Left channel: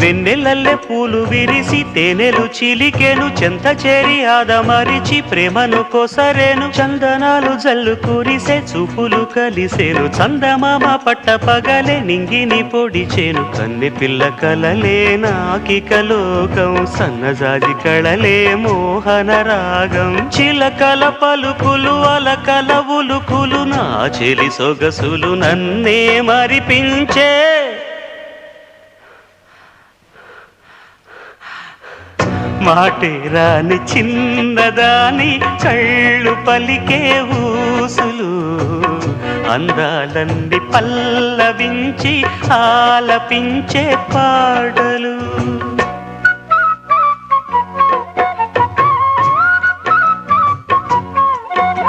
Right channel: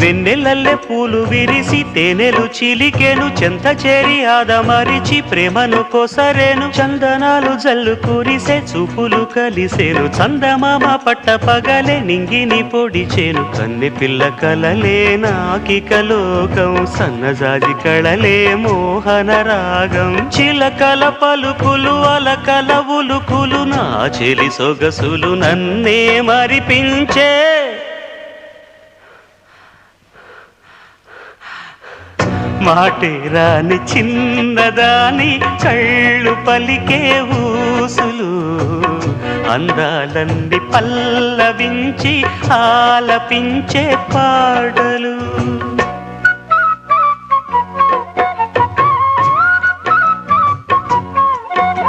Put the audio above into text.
వెన్నెలల్లె పూలు విరిసి తేనెలు చిలికెను, చెంత చేరి ఆదమరిచి ప్రేమను కొసరేను, చందనాలు జల్లు కురిసే చూపులు కలిసేను, చందమామ పట్ట పగలే నింగిని పొడిచేను, కన్నె పిల్ల కలలే నాకిక లోకం, సన్నజాజి కళలే మోహన రాగం, చిలకల పలుకులు అలకల ఉలుకులు, నా చెలి సొగసులు నన్నే మరిపించే, మాటే రాని చిన్నదాని కళ్ళు పలికే ఊసులు, అందాలన్నీ పల్లవించి ఆలపించే పాటలు.